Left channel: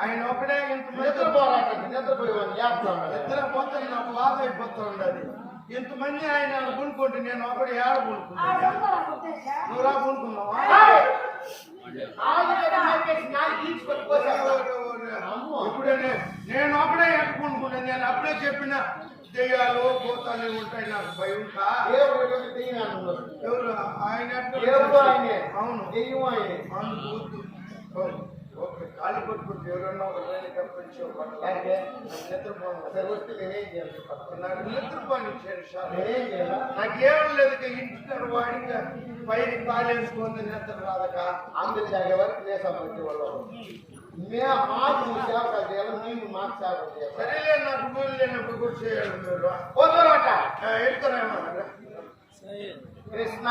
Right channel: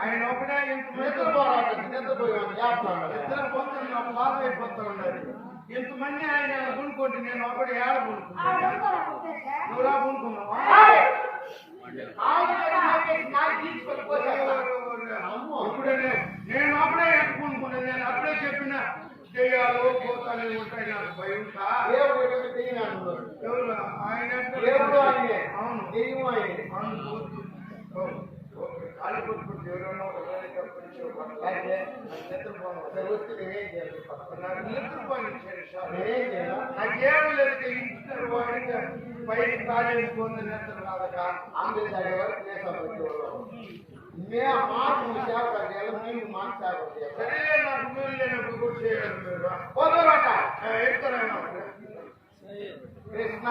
ఆయన ఒకటే ఇంతమంది పోరాటం ఇద్దరు పోతే నాకు బాధ అయిపోతూ ఉండదు. ఇంతమంది ఆయన కొనుక్కుంటే నేను ఒకటి ఏడ కొనుక్కుంటా. నువ్వు రా కొనుక్కున్నావా? ఇప్పుడు నేను అప్పుడే ఎట్ట కొనుక్కున్నాను. నేను అప్పుడే చెప్పిన దెయ్యాలు పోతాలు ఉంటాయి నాకు భయం. ఎవరు ఆయన? అవును అందుకు కాళ్ళు కొట్టుకుంటే ఎవరన్నా ఒక నాకేం లేదు. ఇంటి వాడికి పైకి కాలేసుకొని నిద్ర రాదక అందుకు వరకు సరే నాకు మీరు లేనప్పుడు కూడా చేయాలి. మీరు ఎడుతున్నాను కృష్ణ